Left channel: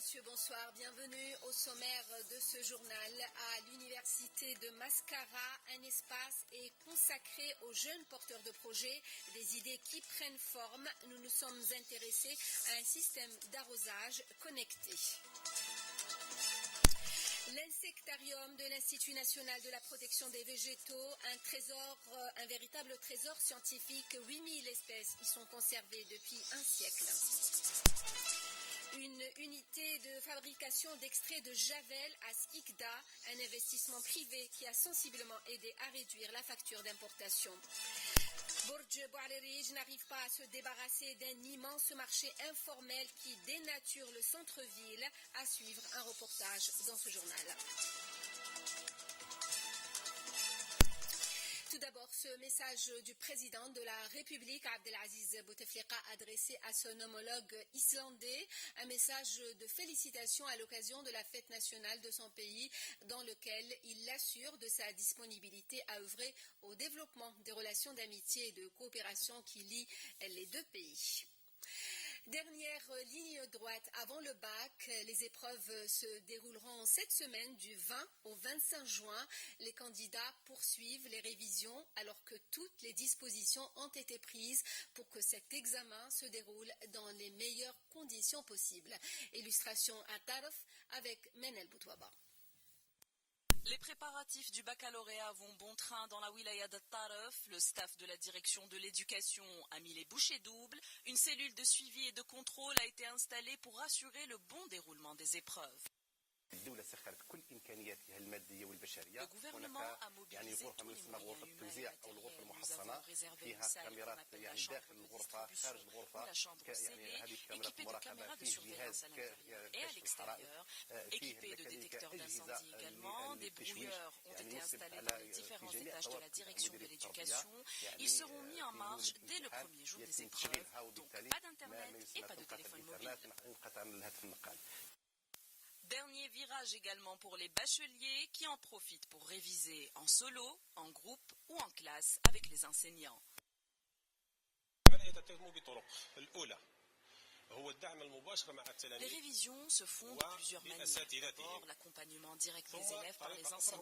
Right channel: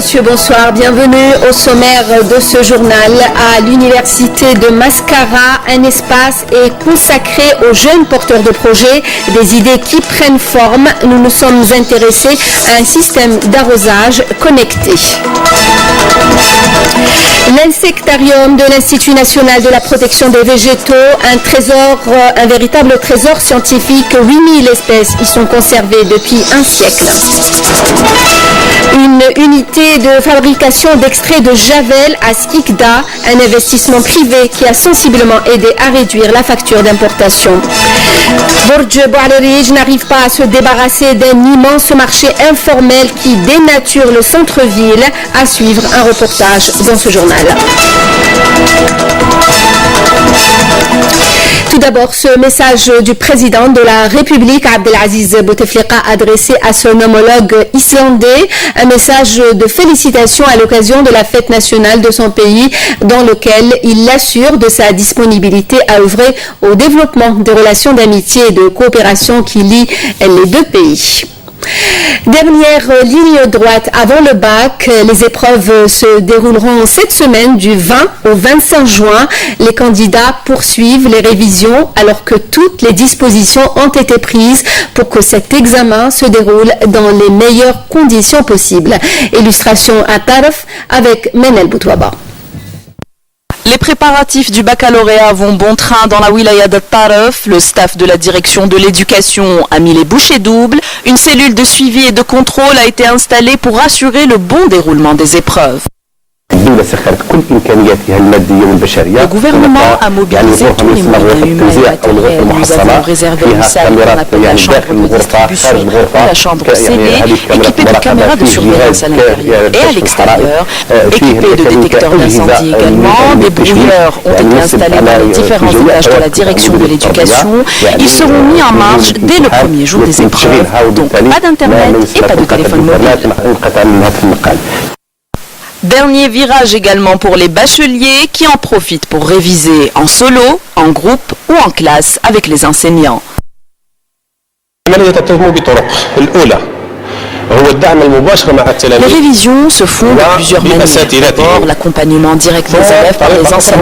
Monsieur, bonsoir. Bienvenue au sommaire de ce journal. À l'université de Mascara, un espace est consacré aux jeunes porteurs de projets, des idées qui prennent forme. Nous nous sommes intéressés à un système d'arrosage connecté. L'insectarium de l'Institut national de la protection des végétaux, un véritable trésor scientifique. 8000 espèces y sont conservées depuis un siècle. Une unité de fabrication d'extrait de javel à Skikda, un investissement privé qui a sensiblement aidé à réduire la facture d'importation. Borj Boualerij n'arrive pas à se débarrasser d'un immense marché informel qui dénature le centre-ville. À suivre un reportage dans ce journal. Tout d'abord, ce message du président de la République, Abdelaziz Bouteflika, adressé à son homologue islandais, un message de félicitations à l'occasion de la fête nationale de son pays, dans lequel il l'assure de sa disponibilité à œuvrer au développement des relations d'amitié et de coopération qui lient les deux pays. Dernière ligne droite avant le bac, les épreuves se dérouleront cette semaine du 20 au 25 juin. Les candidats poursuivent les révisions alors que toutes les dispositions ont été prises pour que cet examen se déroule dans les meilleures conditions possibles. Illustration à Tarf avec Menel Boutouaba. Les préparatifs du baccalauréat vont bon train dans la wilaya de Tarf. Le staff de la direction de l'éducation a mis les bouchées doubles. Une cellule de suivi et de contrôle a été installée pour assurer le bon déroulement des épreuves. Le gouvernement a mobilisé tous les moyens humains et matériels. Nous avons réservé une salle qu'on appelle la chambre de distribution ou la chambre scellée, équipée de caméras de surveillance à l'intérieur et à l'extérieur, équipée de détecteurs d'incendie également. Des brouilleurs ont été installés dans les différents étages de la direction de l'éducation. Ils seront mis en marche dès le premier jour des épreuves. Donc pas d'internet et pas de téléphone mobile. Dernier virage également pour les bacheliers qui en profitent pour réviser en solo, en groupe ou en classe avec les enseignants. Les révisions se font de plusieurs manières. D'abord, l'accompagnement direct des élèves par les enseignants.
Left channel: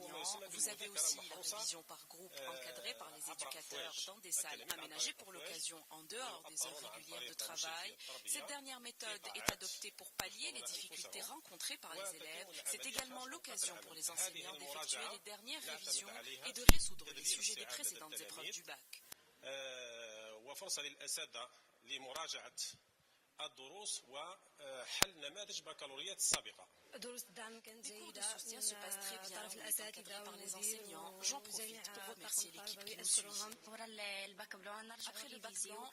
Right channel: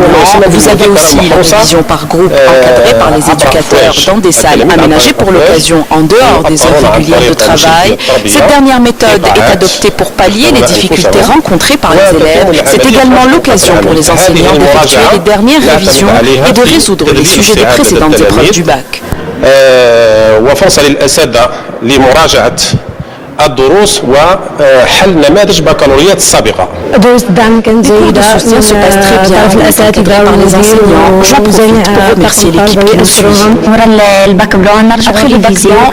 Vous avez aussi la révision par groupe encadrée par les éducateurs dans des salles aménagées pour l'occasion en dehors des heures régulières de travail. Cette dernière méthode est adoptée pour pallier les difficultés rencontrées par les élèves. C'est également l'occasion pour les enseignants d'effectuer les dernières révisions et de résoudre les sujets des précédentes épreuves du bac. الدروس وحل نماذج بكالوريات السابقة. Les cours de soutien se passent très bien, encadrés par les enseignants. J'en profite pour remercier l'équipe qui nous suit. Après le bac blanc,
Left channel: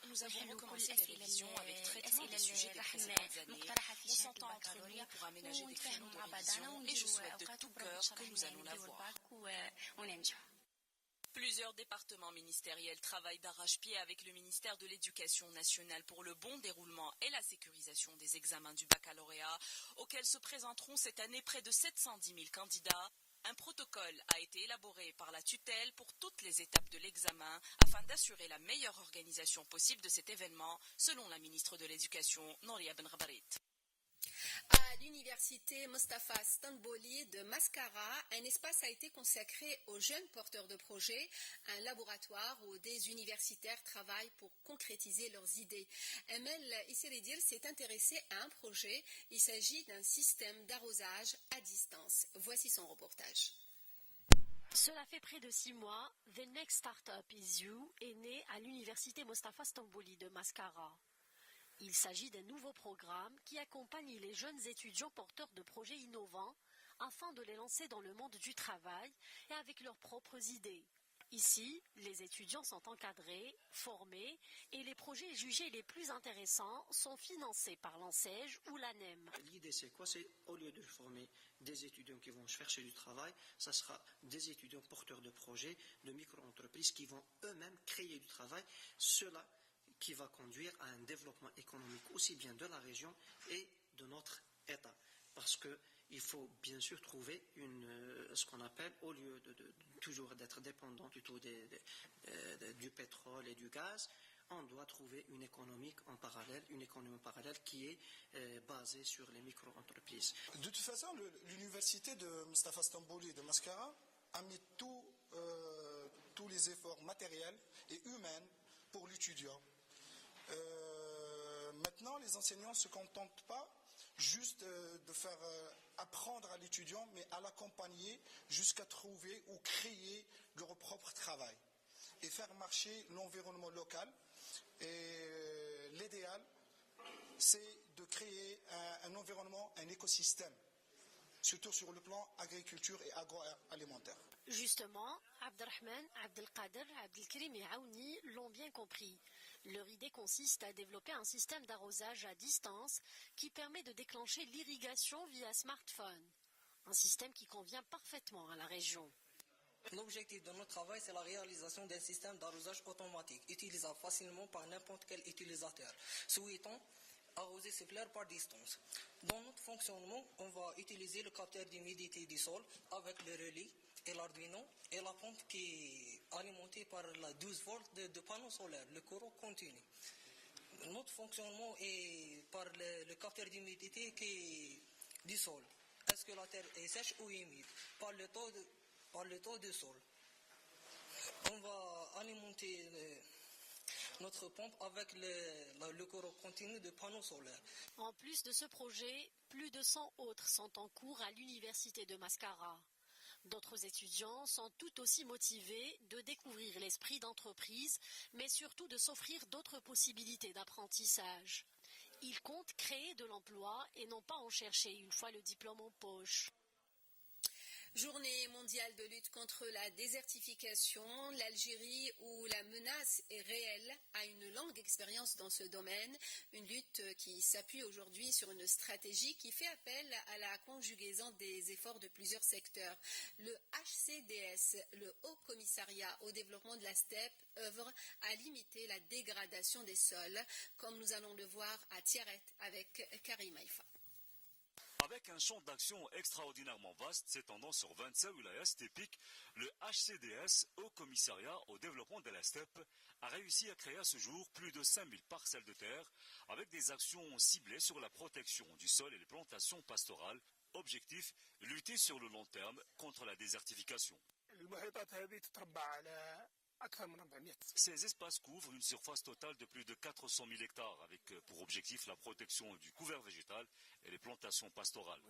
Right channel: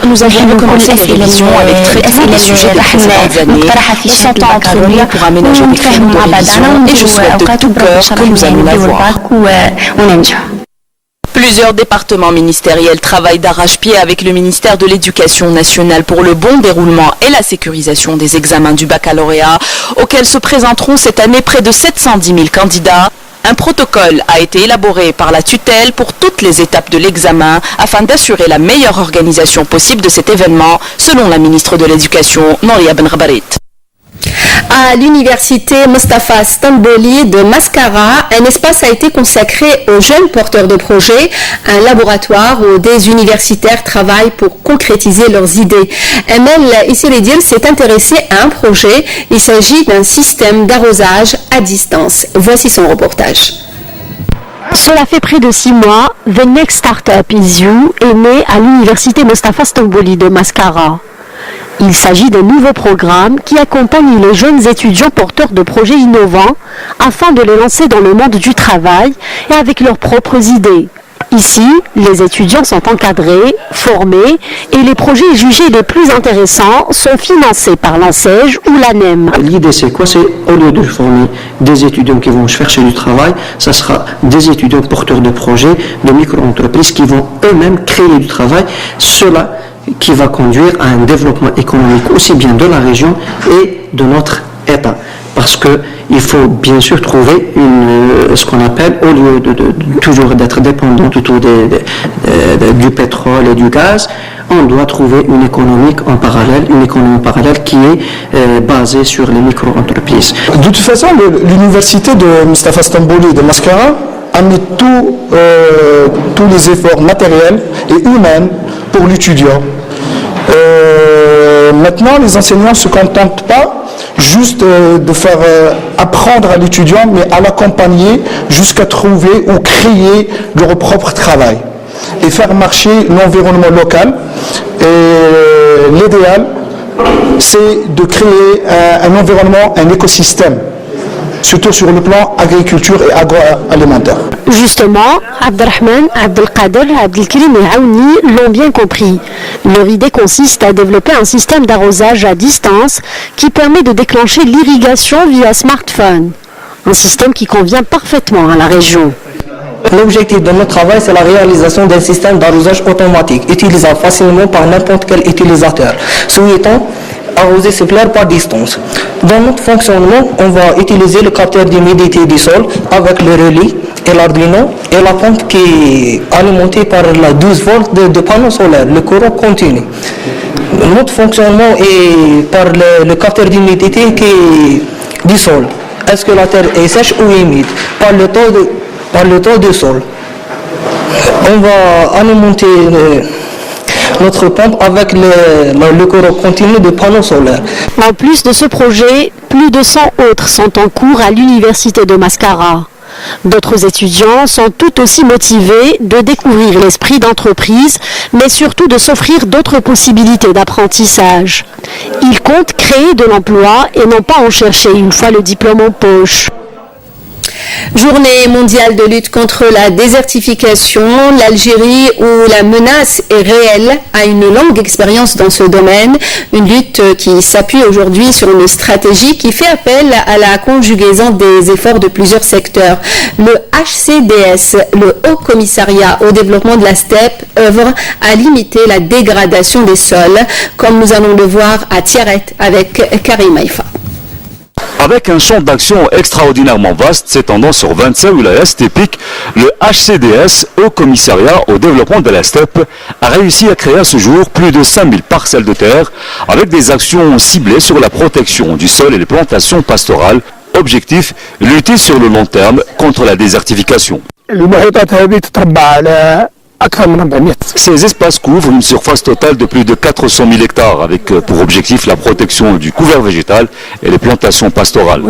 nous avons recommencé les révisions avec traitement des sujets des précédentes années. On s'entend entre nous pour aménager des créneaux de révision et je souhaite de tout cœur que nous allons l'avoir. Plusieurs départements ministériels travaillent d'arrache-pied avec le ministère de l'Éducation nationale pour le bon déroulement et la sécurisation des examens du baccalauréat, auxquels se présenteront cette année près de 710 000 candidats. Un protocole a été élaboré par la tutelle pour toutes les étapes de l'examen afin d'assurer la meilleure organisation possible de cet événement, selon la ministre de l'Éducation, Nouria Benrabarit. À l'université Mostafa Stamboli de Mascara, un espace a été consacré aux jeunes porteurs de projets, un laboratoire où des universitaires travaillent pour concrétiser leurs idées. Emel Issiridir s'est intéressé à un projet. Il s'agit d'un système d'arrosage à distance. Voici son reportage. Cela fait près de 6 mois, The Next Startup is You est né à l'université Mostafa Stamboli de Mascara. Il s'agit d'un nouveau programme qui accompagne les jeunes étudiants porteurs de projets innovants afin de les lancer dans le monde du travail et avec leurs propres idées. Ici, les étudiants sont encadrés, formés et les projets jugés les plus intéressants sont financés par l'ANSEJ ou l'ANEM. L'idée c'est quoi? C'est au lieu de former des étudiants qui vont chercher du travail, ça sera des étudiants porteurs de projets, de micro-entreprises qui vont eux-mêmes créer du travail. Cela qui va conduire à un développement économique aussi bien de la région et de notre État. Parce qu'il faut bien sûr trouver ce qu'on appelle, au lieu de toujours d'être dépendant autour du pétrole et du gaz, on doit trouver une économie parallèle qui est basée sur les micro-entreprises. De toute façon, l'université de Mustapha Stambouli de Mascara a mis tous les efforts matériels et humains pour l'étudiant. Maintenant, les enseignants ne se contentent pas juste de faire apprendre à l'étudiant, mais à l'accompagner jusqu'à trouver ou créer leur propre travail et faire marcher l'environnement local. Et l'idéal, c'est de créer un environnement, un écosystème, surtout sur le plan agriculture et agroalimentaire. Justement, Abdelrahman, Abdelkader, Abdelkrim et Aouni l'ont bien compris. Leur idée consiste à développer un système d'arrosage à distance qui permet de déclencher l'irrigation via smartphone. Un système qui convient parfaitement à la région. L'objectif de notre travail, c'est la réalisation d'un système d'arrosage automatique, utilisable facilement par n'importe quel utilisateur, souhaitant arroser ses plants par distance. Dans notre fonctionnement, on va utiliser le capteur d'humidité du sol avec le relais et l'Arduino et la pompe qui est alimentée par la 12 volts de panneaux solaires, le courant continu. Notre fonctionnement est par le capteur d'humidité qui est du sol. Est-ce que la terre est sèche ou humide? Par le taux de sol. On va alimenter notre pompe avec le courant continu de panneaux solaires. En plus de ce projet, plus de 100 autres sont en cours à l'université de Mascara. D'autres étudiants sont tout aussi motivés de découvrir l'esprit d'entreprise, mais surtout de s'offrir d'autres possibilités d'apprentissage. Ils comptent créer de l'emploi et non pas en chercher une fois le diplôme en poche. Journée mondiale de lutte contre la désertification, l'Algérie où la menace est réelle a une longue expérience dans ce domaine. Une lutte qui s'appuie aujourd'hui sur une stratégie qui fait appel à la conjugaison des efforts de plusieurs secteurs. Le HCDS, le Haut Commissariat au développement de la steppe, œuvre à limiter la dégradation des sols, comme nous allons le voir à Tiaret avec Karim Haïfa. Avec un champ d'action extraordinairement vaste s'étendant sur 27 wilayas steppiques, le HCDS, Haut Commissariat au développement de la steppe, a réussi à créer à ce jour plus de 5000 parcelles de terre avec des actions ciblées sur la protection du sol et les plantations pastorales. Objectif, lutter sur le long terme contre la désertification. Ces espaces couvrent une surface totale de plus de 400 000 hectares avec pour objectif la protection du couvert végétal et les plantations pastorales.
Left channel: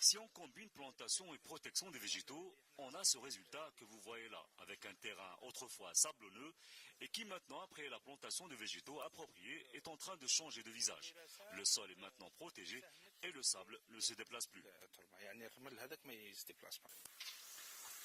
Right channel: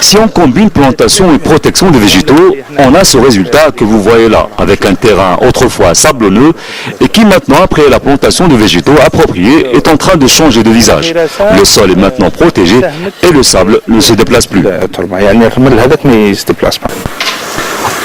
Si on combine plantation et protection des végétaux, on a ce résultat que vous voyez là, avec un terrain autrefois sablonneux et qui maintenant, après la plantation de végétaux appropriés, est en train de changer de visage. Le sol est maintenant protégé et le sable ne se déplace plus.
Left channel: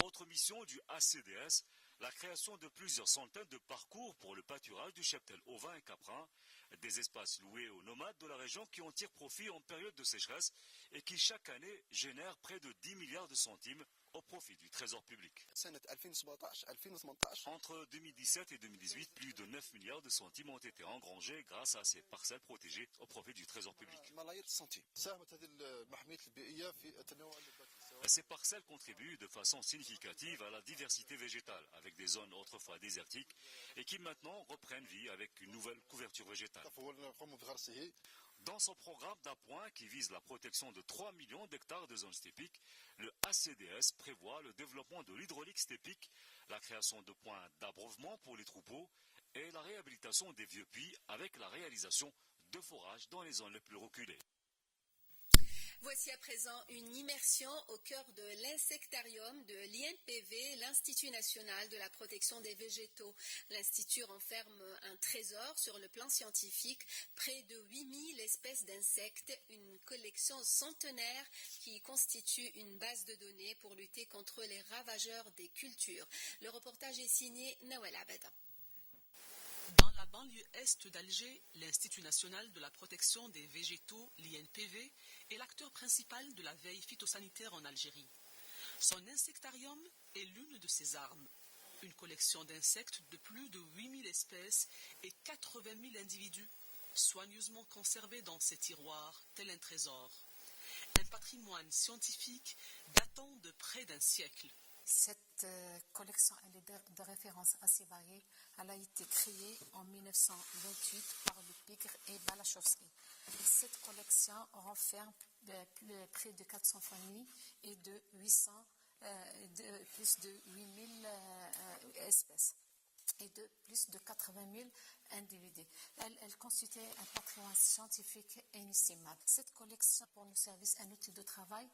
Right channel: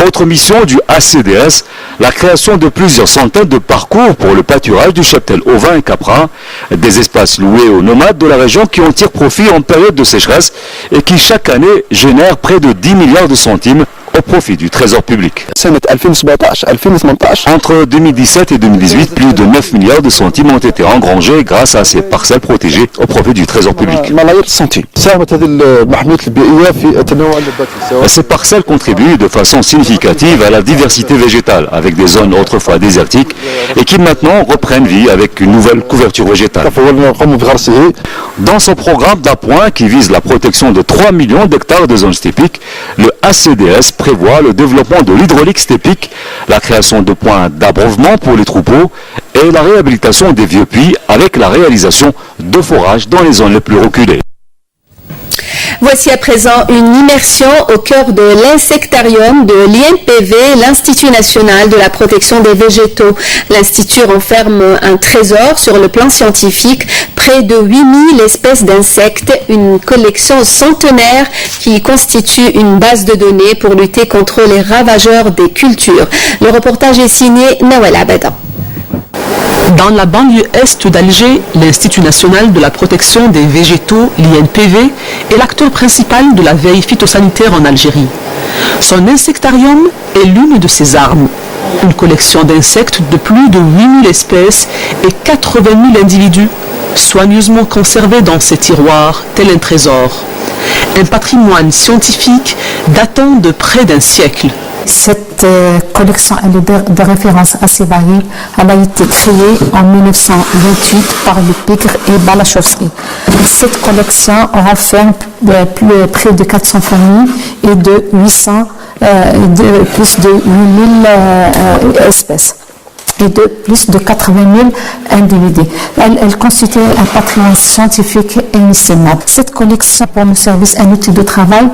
Autre mission du HCDS, la création de plusieurs centaines de parcours pour le pâturage du cheptel ovin et caprin, des espaces loués aux nomades de la région qui en tirent profit en période de sécheresse et qui chaque année génèrent près de 10 milliards de centimes au profit du trésor public. Entre 2017 et 2018, plus de 9 milliards de centimes ont été engrangés grâce à ces parcelles protégées au profit du trésor public. Ces parcelles contribuent de façon significative à la diversité végétale, avec des zones autrefois désertiques et qui maintenant reprennent vie avec une nouvelle couverture végétale. Dans son programme d'appoint qui vise la protection de 3 millions d'hectares de zones steppiques, le HCDS prévoit le développement de l'hydraulique steppique, la création de points d'abreuvement pour les troupeaux et la réhabilitation des vieux puits avec la réalisation de forages dans les zones les plus reculées. Voici à présent une immersion au cœur de l'insectarium de l'INPV, l'Institut national de la protection des végétaux. L'Institut renferme un trésor sur le plan scientifique, près de 8000 espèces d'insectes, une collection centenaire qui constitue une base de données pour lutter contre les ravageurs des cultures. Le reportage est signé Nawel Abada. Dans la banlieue est d'Alger, l'Institut national de la protection des végétaux, l'INPV, est l'acteur principal de la veille phytosanitaire en Algérie. Son insectarium est l'une de ses armes. Une collection d'insectes de plus de 8000 espèces et 80 000 individus, soigneusement conservés dans ses tiroirs, tel un trésor. un patrimoine scientifique datant de près d'un siècle. Cette collection elle est de référence assez variée. Elle a été créée en 1928 par le Pigre et Balachowski. Cette collection renferme près de 400 familles et de 800, plus de 8000 espèces et de plus de 80 000 individus. Elle constitue un patrimoine scientifique inestimable. Cette collection pour nos services un outil de travail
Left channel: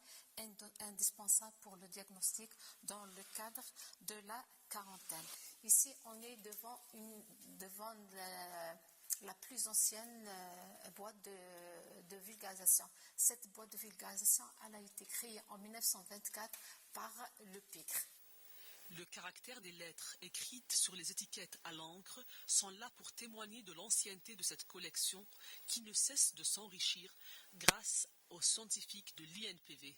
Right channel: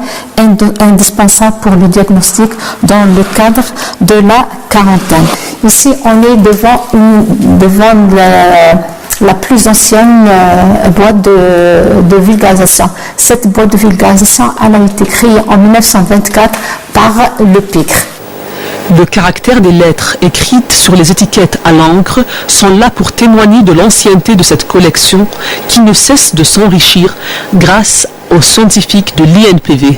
indispensable pour le diagnostic dans le cadre de la quarantaine. Ici, on est devant la plus ancienne boîte de vulgarisation. Cette boîte de vulgarisation elle a été créée en 1924 par le Pigre. Le caractère des lettres écrites sur les étiquettes à l'encre sont là pour témoigner de l'ancienneté de cette collection qui ne cesse de s'enrichir grâce aux scientifiques de l'INPV.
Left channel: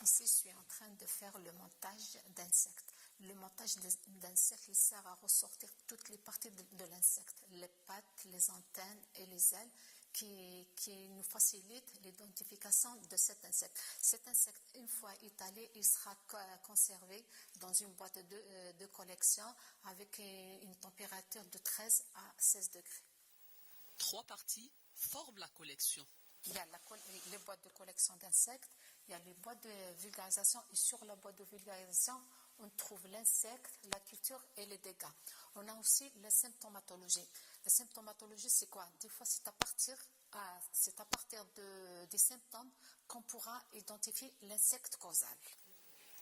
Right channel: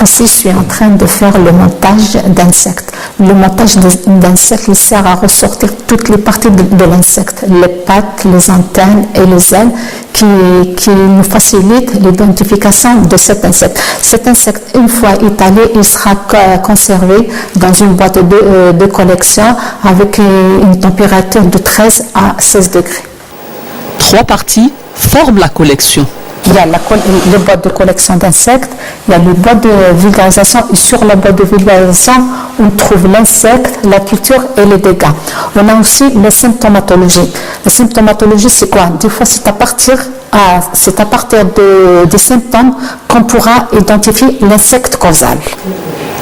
Ici, je suis en train de faire le montage d'insectes. Le montage d'insectes sert à ressortir toutes les parties de l'insecte, les pattes, les antennes et les ailes qui nous facilitent l'identification de cet insecte. Cet insecte, une fois étalé, il sera conservé dans une boîte de collection avec une température de 13 à 16 degrés. 3 parties forment la collection. Il y a les boîtes de collection d'insectes, il y a les boîtes de vulgarisation et sur la boîte de vulgarisation, on trouve l'insecte, la culture et les dégâts. On a aussi la symptomatologie. La symptomatologie, c'est quoi? Des fois, c'est à partir des symptômes qu'on pourra identifier l'insecte causal.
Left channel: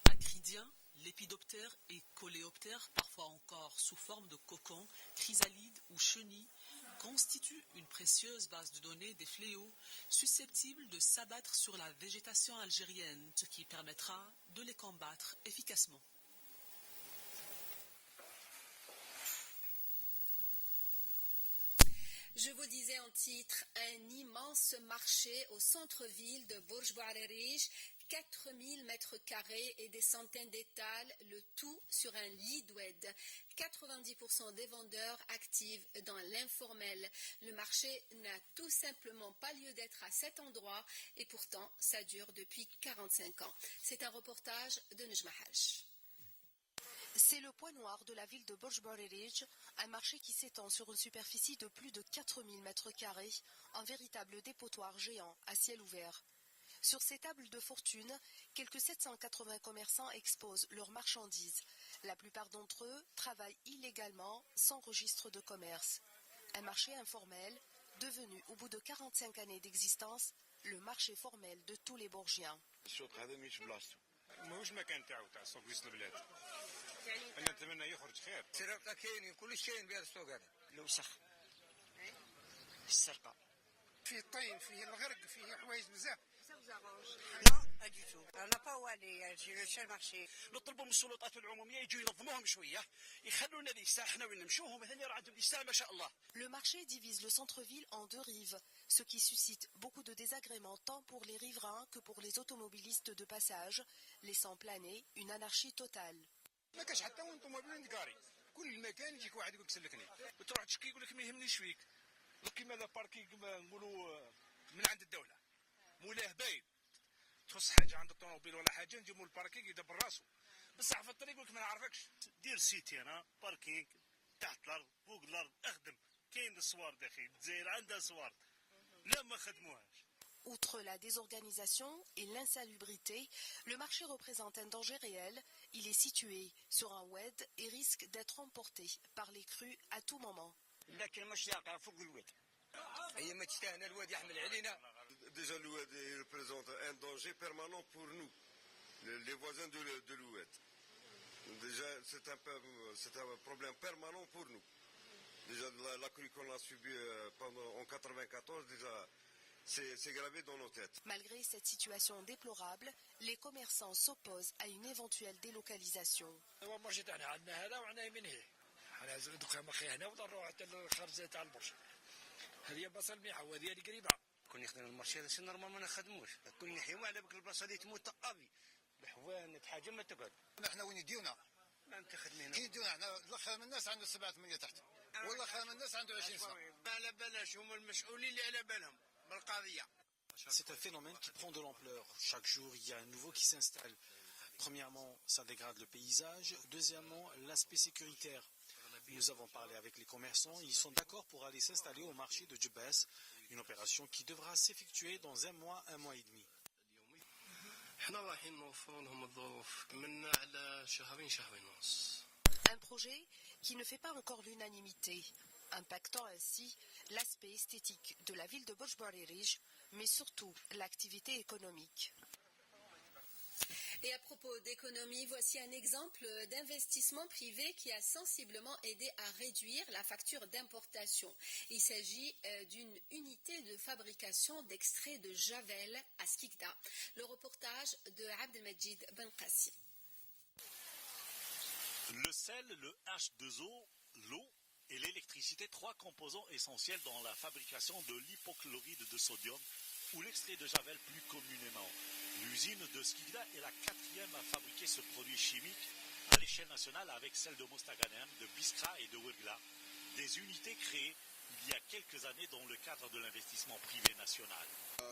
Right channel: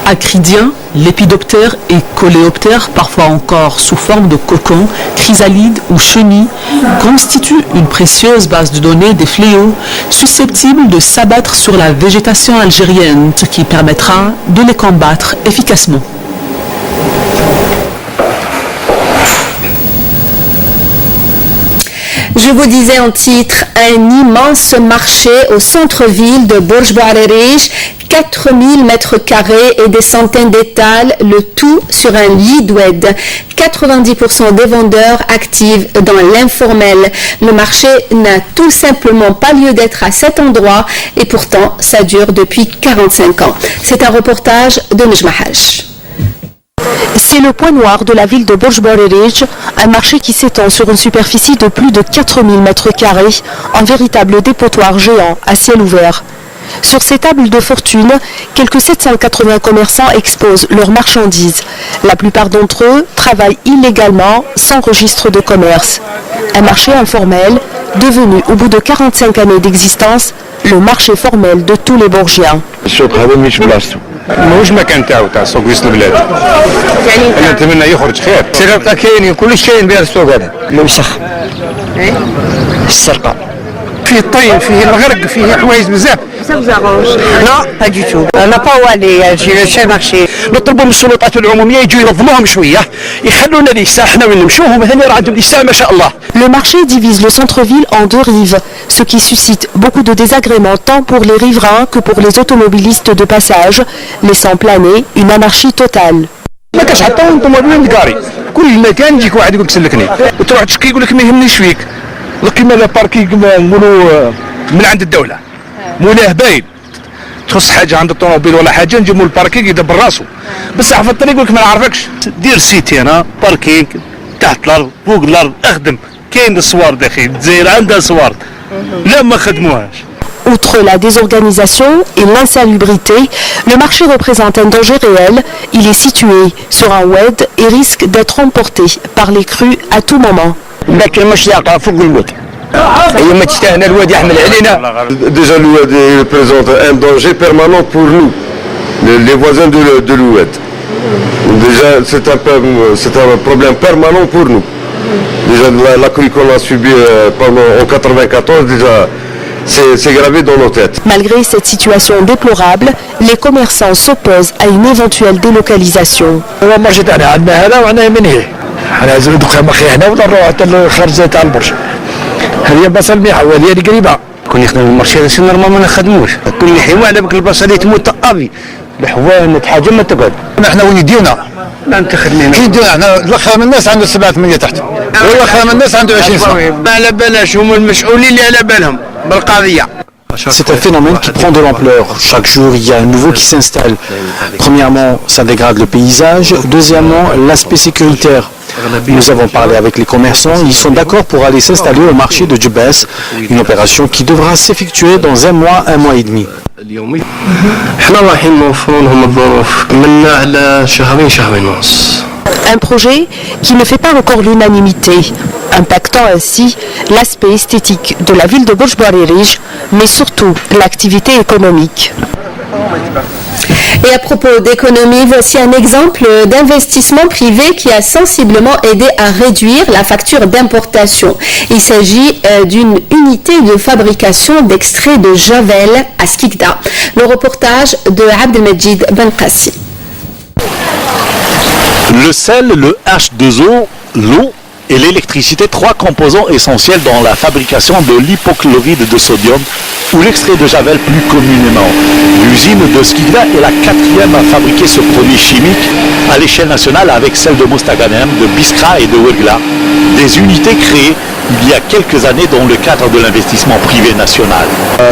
Acridien, lépidoptère et coléoptère, parfois encore sous forme de cocon, chrysalide ou chenille, constituent une précieuse base de données des fléaux susceptibles de s'abattre sur la végétation algérienne, ce qui permettra de les combattre efficacement. Je vous disais en titre, un immense marché au centre-ville de Bourj Bouarerij, 4000 mètres carrés et des centaines d'étals, le tout sur un lit d'oued. 90% des vendeurs actifs dans l'informel. Le marché n'a tout simplement pas lieu d'être à cet endroit et pourtant ça dure depuis 45 ans. C'est un reportage de Nejmahaj. C'est le point noir de la ville de Bourj Bouarerij, un marché qui s'étend sur une superficie de plus de 4000 mètres carrés, un véritable dépotoir géant à ciel ouvert. Sur ces tables de fortune, quelques 780 commerçants exposent leurs marchandises. La plupart d'entre eux travaillent illégalement, sans registre de commerce. Un marché informel, devenu au bout de 45 années d'existence, le marché formel de tous les Bourgiens. ماهوش مكان تاع سوق وسط البلاد. يعني انا نتمنى يخرج خير. السرقه كاين كل شيء بين السوق هذا. الوسخ. السرقه. فيه الطين فيه الغرق فيه حوايج بزاف. Ça vous arrange? Non, pas du tout. On n'a pas où aller chez le marché. نطلبوا من السلطات العموميه يجوا ينظموهم شويه يخلونا ليسا احنا وين نمشوهم هنا راه عندهم ليسا ما شاء الله. Le marché divise le centre-ville en 2 rives, ce qui suscite beaucoup de désagréments tant pour les riverains que pour les automobilistes de passage, laissant planer une anarchie totale. ما كاش حتى طوموبيل كاري كل مكان يجيك واحد يقول لك سلكني وتروح تشكي يقول لك ما يهمنيش فيك كيما لا باركينغ نقولوا من عند الدوله مولاه باين تخص حاجه عند الطوموبيل ولا حاجه نجيبوا الباركينغ يدبر راسو بصح في الطريق يقول لك ما نعرفكش دير سيتي انا باركينغ تحت الارض فوق الارض اخدم كاين الصوار داخل الجزائر عندها صوار لا ما خدموهاش. Outre la désorganisation et l'insalubrité, le marché représente un danger réel. Il est situé sur un oued et risque d'être emporté par les crues à tout moment. Déjà l'oued représente un danger permanent pour nous, les voisins de l'oued. Déjà c'est un problème permanent pour nous. Déjà la crue qu'on a subie pendant en 94 déjà. C'est gravé dans nos têtes. Malgré cette situation déplorable, les commerçants s'opposent à une éventuelle délocalisation. الاخ من الناس عنده 7-8 تحت والاخ من الناس عنده 20 سنه ما على بالهاش هم المسؤولين اللي على بالهم بالقضيه C'est un phénomène qui prend de l'ampleur. Chaque jour, il y a un nouveau qui s'installe. Premièrement, ça dégrade le paysage. Deuxièmement, l'aspect sécuritaire. Nous avons parlé avec les commerçants. Ils sont d'accord pour aller s'installer au marché de Djebès, une opération qui devra s'effectuer dans un mois et demi. Un projet qui ne fait pas encore l'unanimité, impactant ainsi l'aspect esthétique de la ville de Bourj Baririj, mais surtout l'activité économique. Et à propos d'économie, voici un exemple d'investissement privé qui a sensiblement aidé à réduire la facture d'importation. Il s'agit d'une unité de fabrication d'extrait de javel à Skikda. Le reportage de Abdelmajid Ben Qassi. Le sel, le H2O, l'eau et l'électricité, trois composants essentiels dans la fabrication de l'hypochlorite de sodium ou l'extrait de javel plus communément. L'usine de Skikda est la quatrième à fabriquer ce produit chimique à l'échelle nationale avec celle de Mostaganem, de Biskra et de Ouergla, des unités créées il y a quelques années dans le cadre de l'investissement privé national.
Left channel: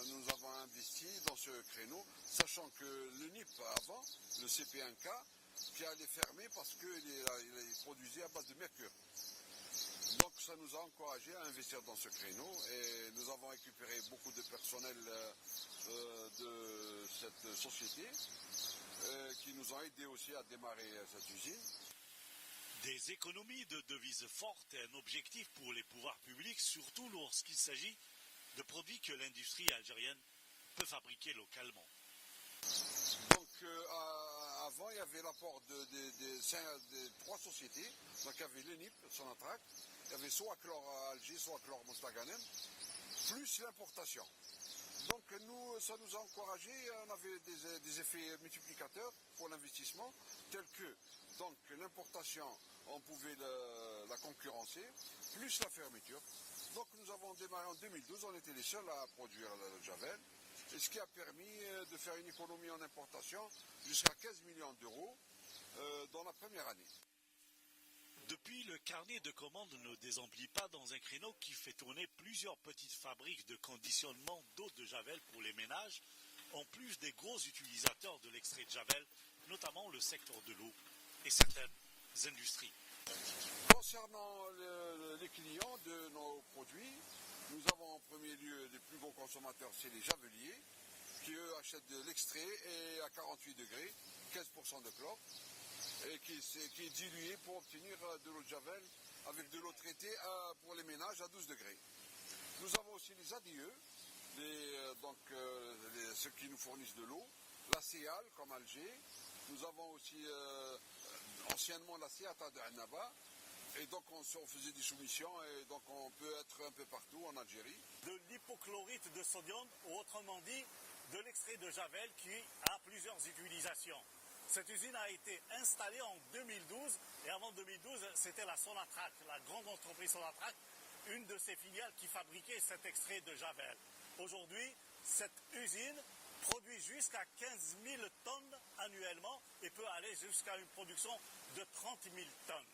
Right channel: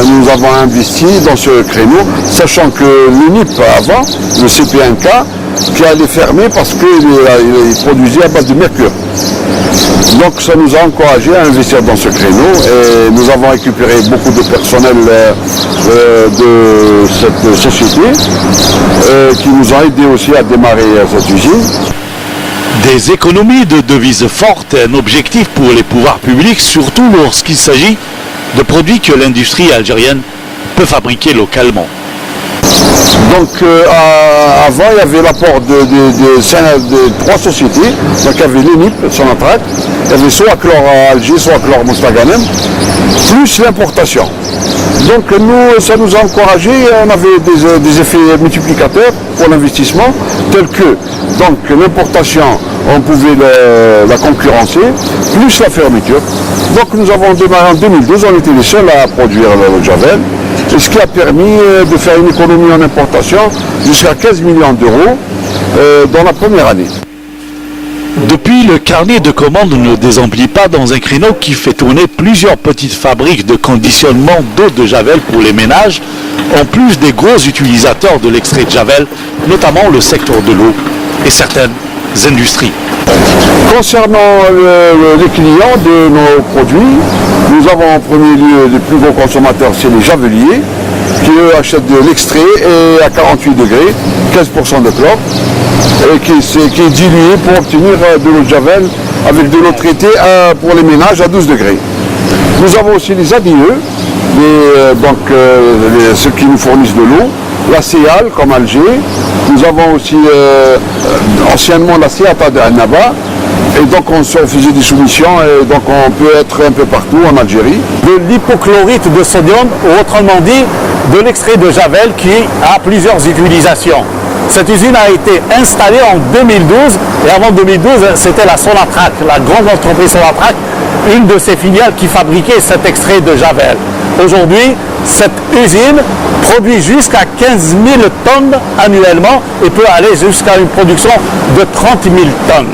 Nous avons investi dans ce créneau, sachant que l'UNIP avant, le CP1K, qui allait fermer parce qu'il produisait à base de mercure. Donc ça nous a encouragé à investir dans ce créneau et nous avons récupéré beaucoup de personnel de cette société qui nous a aidé aussi à démarrer cette usine. Des économies de devises fortes est un objectif pour les pouvoirs publics, surtout lorsqu'il s'agit de produits que l'industrie algérienne peut fabriquer localement. Donc avant il y avait l'apport de trois sociétés, donc il y avait l'UNIP, Sonatrach, il y avait soit Acclor Alger, soit Acclor Mostaganem, plus l'importation. Donc nous, ça nous a encouragé, on avait des effets multiplicateurs pour l'investissement, tels que donc l'importation, on pouvait la concurrencer, plus la fermeture. Donc nous avons démarré en 2012, on était les seuls à produire le javel. Et ce qui a permis de faire une économie en importation jusqu'à 15 millions d'euros dans la première année. Depuis, le carnet de commandes ne désemplit pas dans un créneau qui fait tourner plusieurs petites fabriques de conditionnement d'eau de javel pour les ménages, en plus des gros utilisateurs de l'extrait de javel, notamment le secteur de l'eau et certaines industries. Concernant les clients de nos produits, nous avons en premier lieu les plus gros consommateurs, c'est les javeliers, qui eux achètent de l'extrait et à 48 degrés, 15% de chlore, et qui est dilué pour obtenir de l'eau de javel avec de l'eau traitée pour les ménages à 12 degrés. Nous avons aussi les ADE, ceux qui nous fournissent de l'eau, la CEAL comme Alger, nous avons aussi anciennement la CEATA de Annaba, et donc on faisait des soumissions et donc on peut être un peu partout en Algérie. De l'hypochlorite de sodium, ou autrement dit de l'extrait de javel qui a plusieurs utilisations. Cette usine a été installée en 2012 et avant 2012 c'était la Sonatrach, la grande entreprise Sonatrach, une de ses filiales qui fabriquait cet extrait de javel. Aujourd'hui, cette usine produit jusqu'à 15 000 tonnes annuellement et peut aller jusqu'à une production de 30 000 tonnes.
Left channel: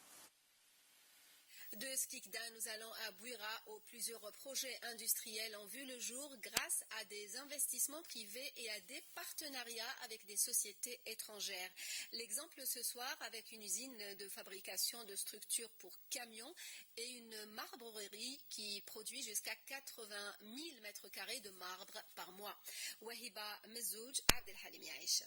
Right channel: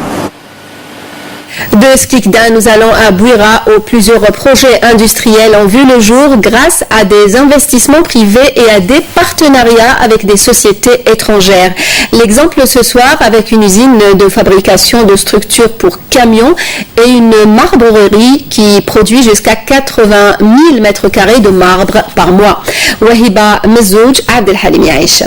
De Skikda, nous allons à Bouira où plusieurs projets industriels ont vu le jour grâce à des investissements privés et à des partenariats avec des sociétés étrangères. L'exemple ce soir avec une usine de fabrication de structures pour camions et une marbrerie qui produit jusqu'à 80 000 mètres carrés de marbre par mois. Wahiba Mezouj, Abdelhalim Yaïcha.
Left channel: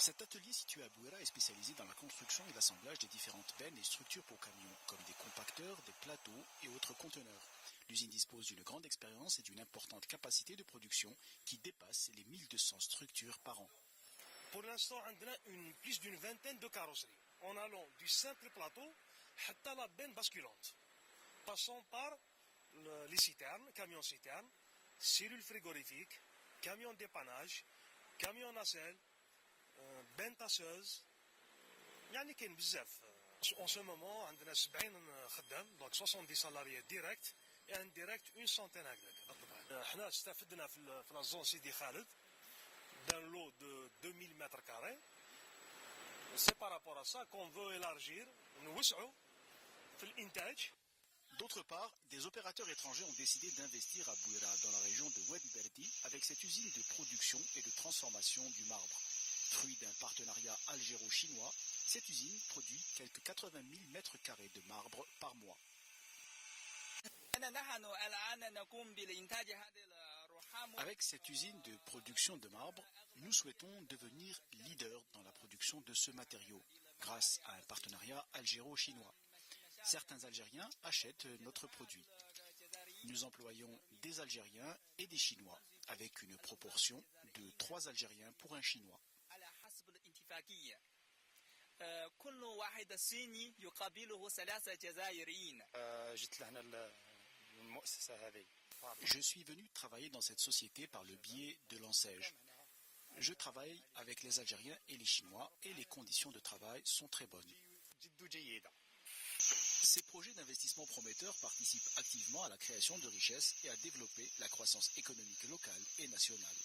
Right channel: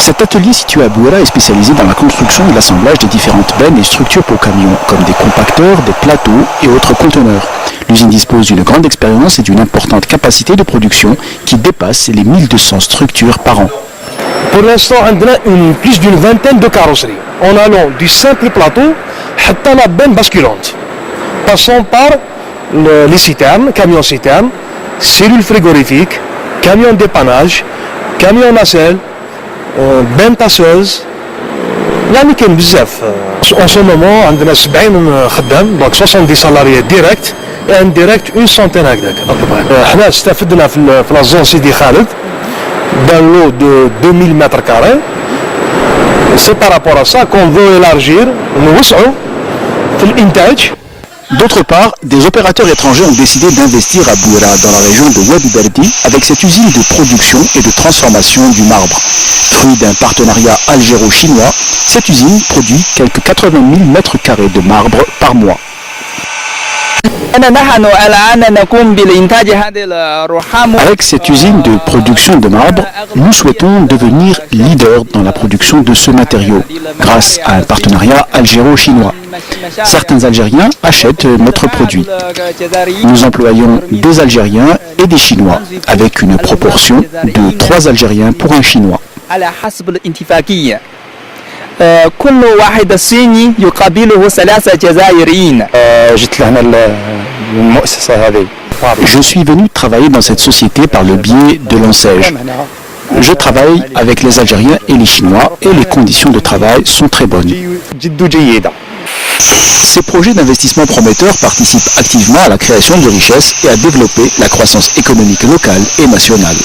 Cet atelier situé à Bouira est spécialisé dans la construction et l'assemblage des différentes bennes et structures pour camions, comme des compacteurs, des plateaux et autres conteneurs. L'usine dispose d'une grande expérience et d'une importante capacité de production qui dépasse les 1200 structures par an. Pour l'instant, on a plus d'une vingtaine de carrosseries, en allant du simple plateau jusqu'à la benne basculante, passant par les citernes, camions citernes, cellules frigorifiques, camions dépannage, camions nacelle, بين tasseuse, يعني كاين بزاف. En ce moment عندنا 70 خدام دونك 70 salariés direct et indirect une centaine هكذاك. احنا استفدنا في la zone Sidi Khaled d'un lot de 2000 mètres carrés. C'est par rapport à ça qu'on veut élargir, نوسعوا في الإنتاج. D'autre part, des opérateurs étrangers ont décidé d'investir à Bouira, dans la région de Wadi Berdi, avec cette usine de production et de transformation du marbre. Fruit d'un partenariat algéro-chinois, cette usine produit quelques 80 000 mètres carrés de marbre par mois. Avec cette usine de production de marbre, nous souhaitons devenir leader dans la production de ce matériau, grâce à un partenariat algéro-chinois. Certains Algériens achètent notre produit. Nous employons des Algériens et des Chinois, avec une proportion de 3 Algériens pour un Chinois. Je suis venu travailler dans cette société par le biais de l'ONSEJ. Je travaille avec les Algériens et les Chinois et les conditions de travail sont très bonnes. Ces projets d'investissement prometteurs participent activement à la création de richesses et à développer la croissance économique locale et nationale.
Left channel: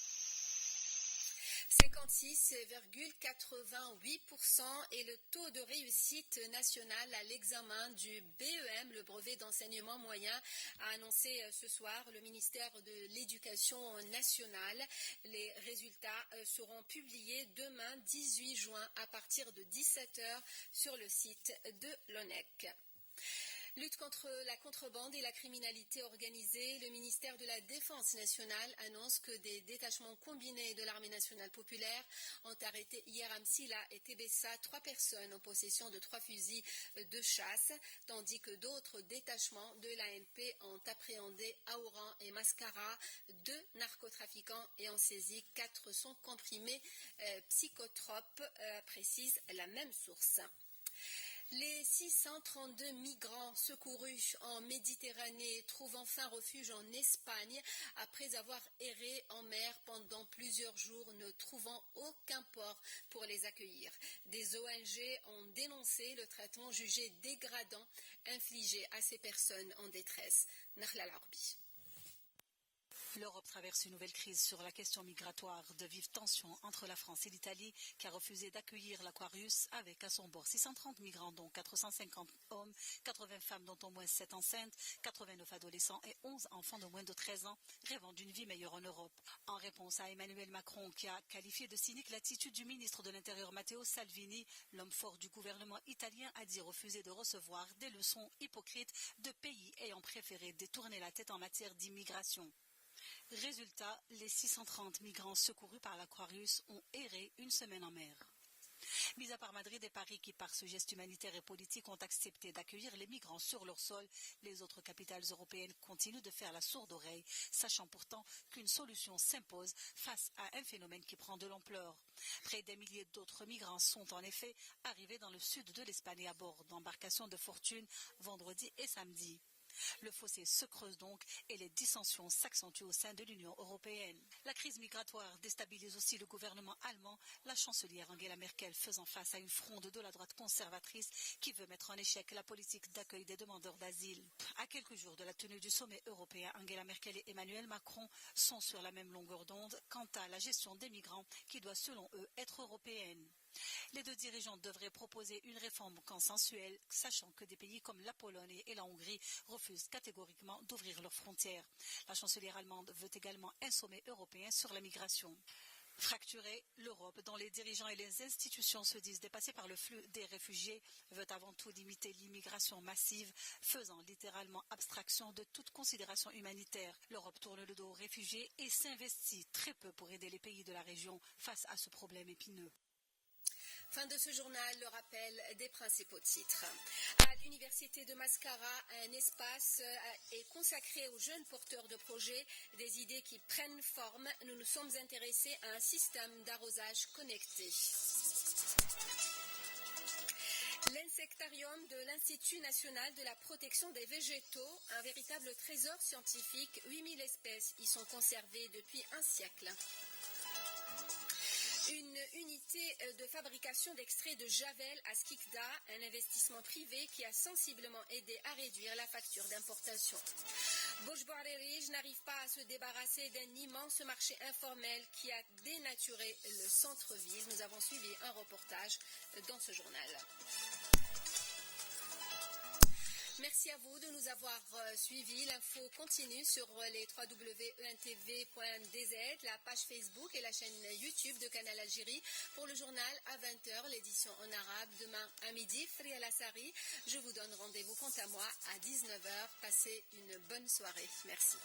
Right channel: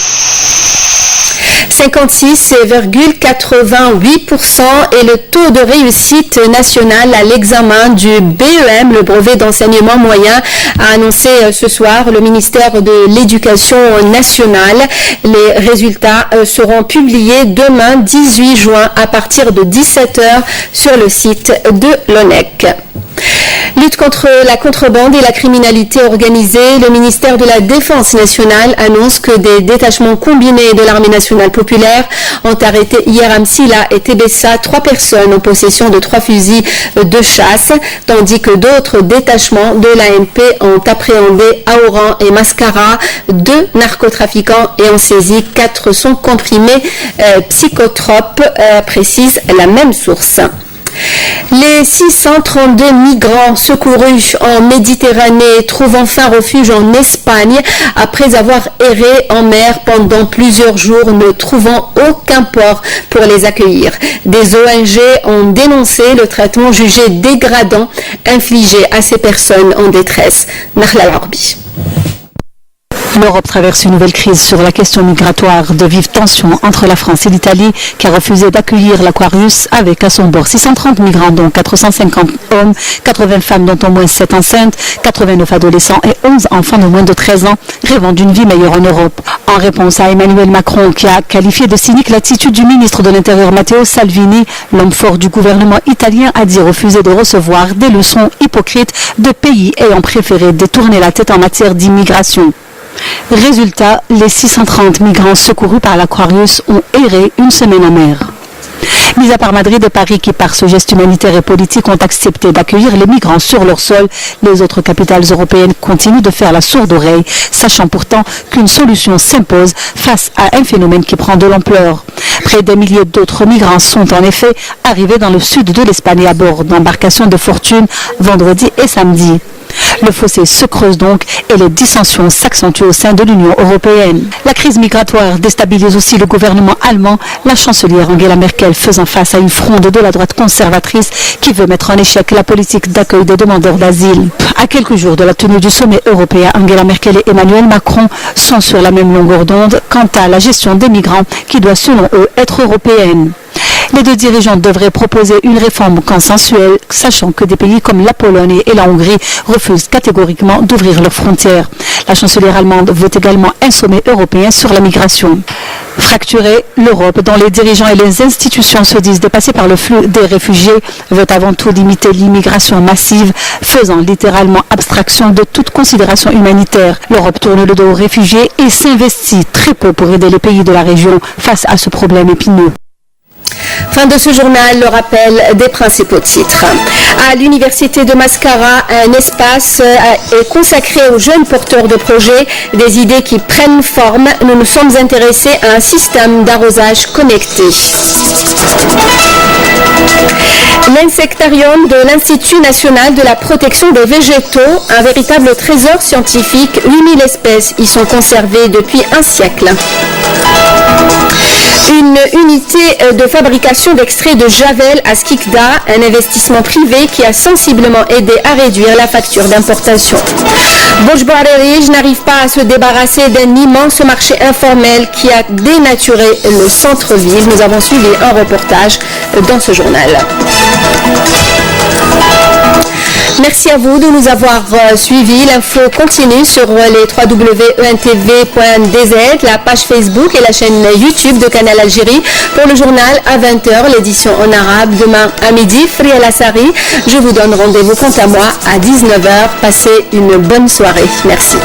56,88% est le taux de réussite national à l'examen du BEM, le brevet d'enseignement moyen, a annoncé ce soir le ministère de l'Éducation nationale. Les résultats seront publiés demain 18 juin à partir de 17h sur le site de l'ONEC. Lutte contre la contrebande et la criminalité organisée, le ministère de la Défense nationale annonce que des détachements combinés de l'armée nationale populaire ont arrêté hier à Msila et Tébessa 3 personnes en possession de 3 fusils de chasse, tandis que d'autres détachements de l'ANP ont appréhendé à Oran et Mascara 2 narcotrafiquants et ont saisi 400 comprimés psychotropes, précise la même source. Les 632 migrants secourus en Méditerranée trouvent enfin refuge en Espagne après avoir erré en mer pendant plusieurs jours, ne trouvant aucun port pour les accueillir. Des ONG ont dénoncé le traitement jugé dégradant infligé à ces personnes en détresse. Nahla Al-Arbi. L'Europe traverse une nouvelle crise sur la question migratoire. De vives tensions entre la France et l'Italie qui a refusé d'accueillir l'Aquarius avec à son bord 630 migrants dont 450 hommes, 80 femmes dont au moins 7 enceintes, 89 adolescents et 11 enfants de moins de 13 ans rêvant d'une vie meilleure en Europe. En réponse à Emmanuel Macron qui a qualifié de cynique l'attitude du ministre de l'Intérieur Matteo Salvini, l'homme fort du gouvernement italien a dit refuser de recevoir des leçons hypocrites de pays ayant préféré détourner la tête en matière d'immigration. Résultat, les 630 migrants secourus par l'Aquarius ont erré une semaine en mer. Mis à part Madrid et Paris qui, par ce geste humanitaire et politique, ont accepté d'accueillir les migrants sur leur sol, les autres capitales européennes continuent de faire la sourde oreille, sachant pourtant qu'une solution s'impose face à un phénomène qui prend de l'ampleur. Près d'un millier d'autres migrants sont en effet arrivés dans le sud de l'Espagne à bord d'embarcations de fortune vendredi et samedi. Le fossé se creuse donc et les dissensions s'accentuent au sein de l'Union européenne. La crise migratoire déstabilise aussi le gouvernement allemand, la chancelière Angela Merkel faisant face à une fronde de la droite conservatrice qui veut mettre en échec la politique d'accueil des demandeurs d'asile. À quelques jours de la tenue du sommet européen, Angela Merkel et Emmanuel Macron sont sur la même longueur d'onde quant à la gestion des migrants qui doit selon eux être européenne. Les deux dirigeants devraient proposer une réforme consensuelle, sachant que des pays comme la Pologne et la Hongrie refusent catégoriquement d'ouvrir leurs frontières. La chancelière allemande veut également un sommet européen sur la migration. Fracturée, l'Europe, dont les dirigeants et les institutions se disent dépassés par le flux des réfugiés, veut avant tout limiter l'immigration massive, faisant littéralement abstraction de toute considération humanitaire. L'Europe tourne le dos aux réfugiés et s'investit très peu pour aider les pays de la région face à ce problème épineux. Fin de ce journal, le rappel des principaux titres. À l'université de Mascara, un espace est consacré aux jeunes porteurs de projets, des idées qui prennent forme. Nous nous sommes intéressés à un système d'arrosage connecté. L'insectarium de l'Institut national de la protection des végétaux, un véritable trésor scientifique, 8000 espèces y sont conservées depuis un siècle. Une unité de fabrication d'extraits de javel à Skikda, un investissement privé qui a sensiblement aidé à réduire la facture d'importation. Bojbarerij n'arrive pas à se débarrasser d'un immense marché informel qui a dénaturé le centre-ville. Nous avons suivi un reportage dans ce journal. Merci à vous de nous avoir suivis. L'info continue sur les www.entv.dz, la page Facebook et la chaîne YouTube de Canal Algérie. Pour le journal à 20h, l'édition en arabe demain à midi. Fria Lassari, je vous donne rendez-vous quant à moi à 19h. Passez une bonne soirée. Merci.